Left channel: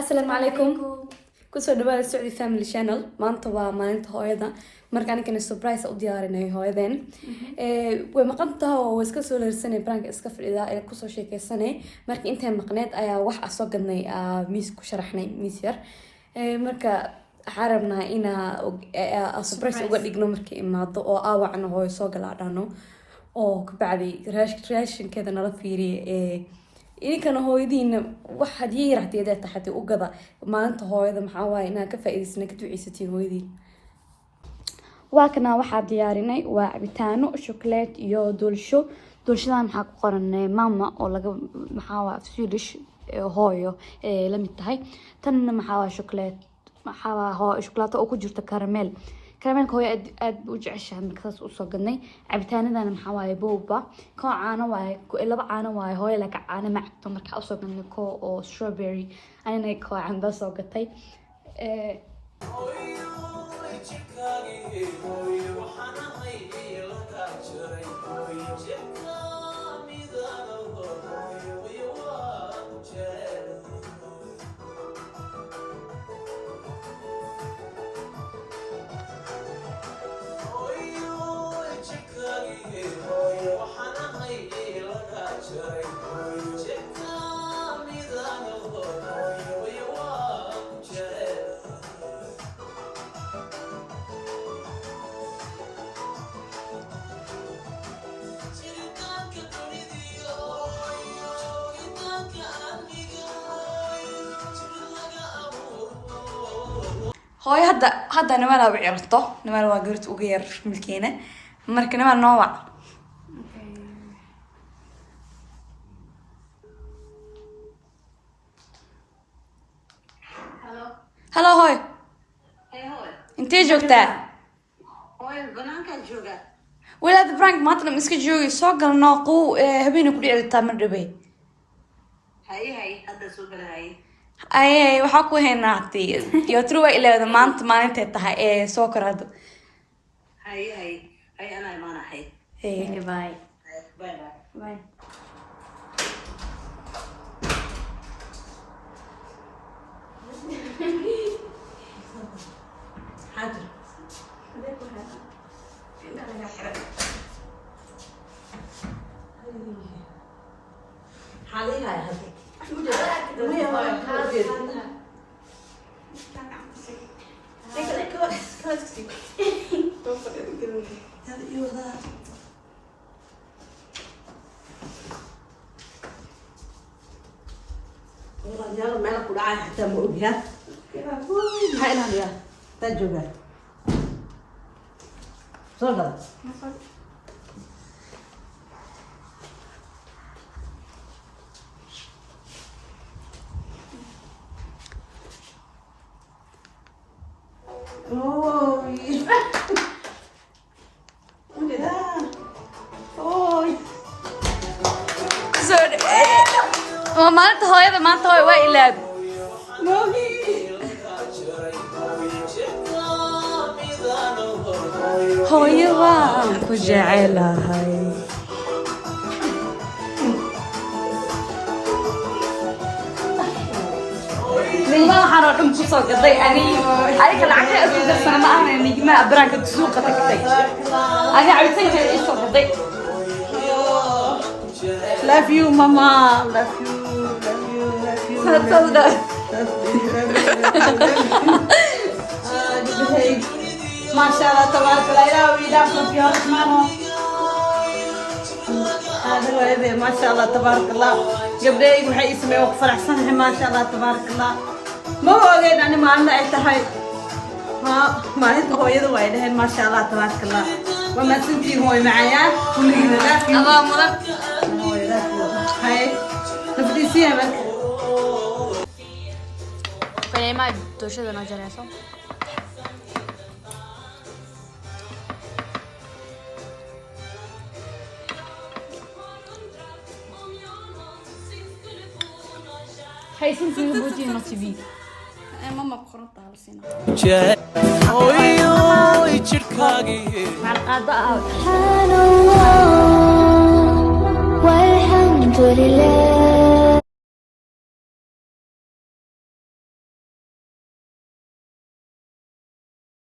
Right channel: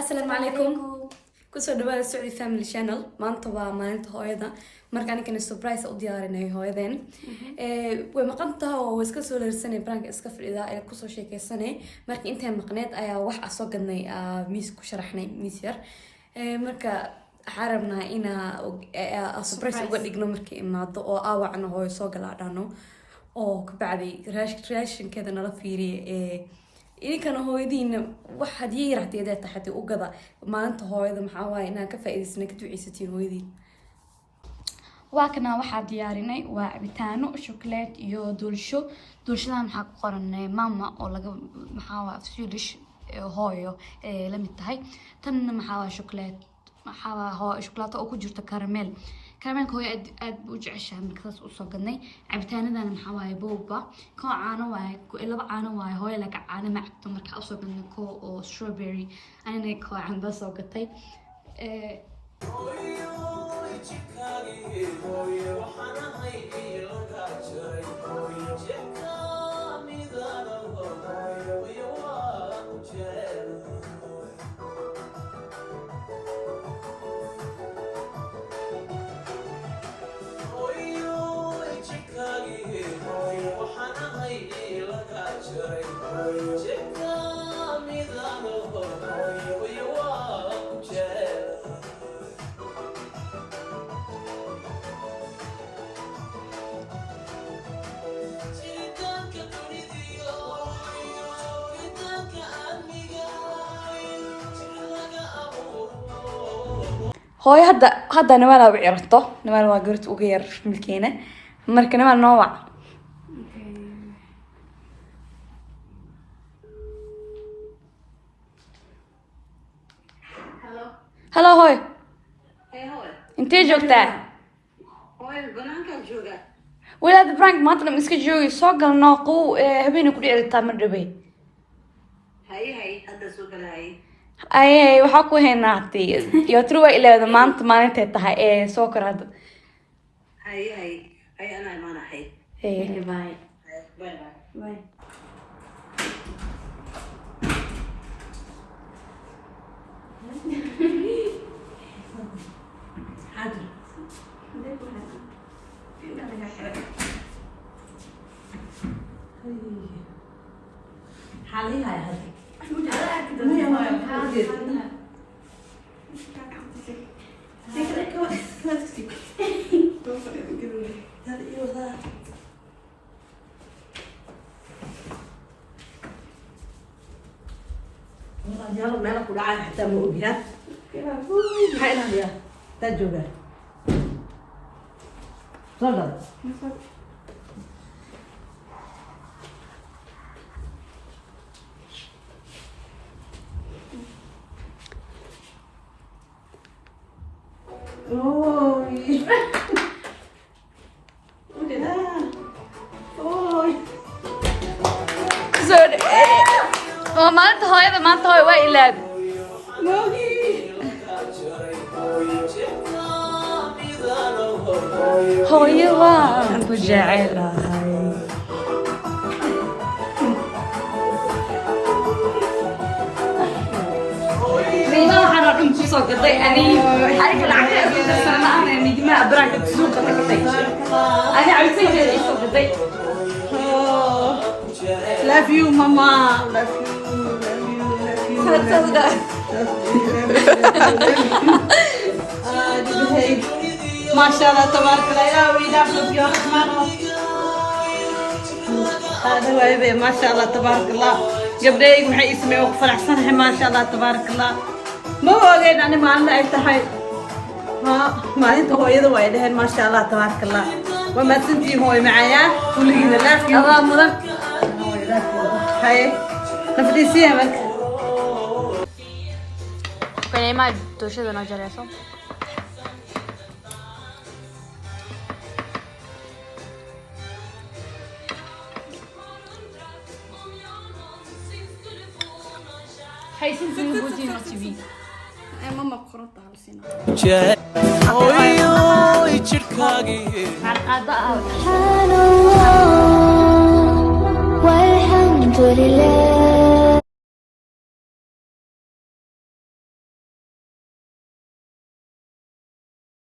السلام عليكم كسر دبا السعودي فاميلي شانل maanta waa maalinta hooyada marka aniga surprise u diyaarinay hooyadeen way maqantahay oo iska soo leersanay brank iska fadhida ee ku soo sheekaysanay marka intay maqneed ayaa wax soo gadnay miis ku sharaxnay miis yar marka xarabna ina surprise uga dhigno markii imaado oo aawacna hooyo soo galaadhano oo ka bacdi raashinkeeda nala fiiriyay idinkana hooyadiina wax hadii yaraahdeeda taxati u gada maalinta hooyada maxaa waay inaa ka faa'iideysana ka duceysatiin hooyadiin waa kana waxaa diyaarinay waa cabitaano chocolate iyo doolshada maxaa ku qoran mama oo laga maxaa waa Swedish hooyo la mid tahay tanna maxaa waa chocolate maxaa waa chocolate oo ku jirta caramel كراميلك هو أد وجعش هم كذا وصقني عبتاني ذا أنا حواي بوبا كو عانا واي كو إلا بعانا واي هو لك عانا مع تمر كأصقني كو أو strawberry أنا كو عن بس وقتي هاي هذا نمال بعيرته نمال واقرت وغير ملكينه مركب نمال نوع هلا هاي انت جوجتا هاي بنانك جوجا ولاد برانك ما تقدر مسك جوجي سوق الناقو هبينو كل عيلتا من ربي هاي هذا سوق هاي اي waxaa ku heenaatay iyo truwa ilaa maanta maalinta tahay ee soo karaado هاي انا ما انا هاي باي باي باي حاضر حالي هاي هذا يلا ما نقول عاد حتى مو بها هاي هي تجربة تفضل maanta hooyada waa ilaad hooyo waan ku jecelahay waxaan oo dhan ku soo gaday aniga lacagta sana aan nigma branka soo gaday ani cabitaankeeda isoo gaday love you mama ما شاء الله تبارك الله يا ويلاد يا رحمن هذا ويبي ما شاء الله تبارك الله قبلي وحي اسمي وفرح صنحي ما شاء الله تبارك الله ما هو غير أنا ما عندنا أي تحي ها ما أنت هو يدو ويدهن ما شاء الله تبارك الله وما سنتي هو معايا كل جينا لا في هاي نفدي سيامك كان ما دوشة أنا جالسة هاي سنسين بوجينا تبي ماما قرطت على سنة سبحان الله والحمد لله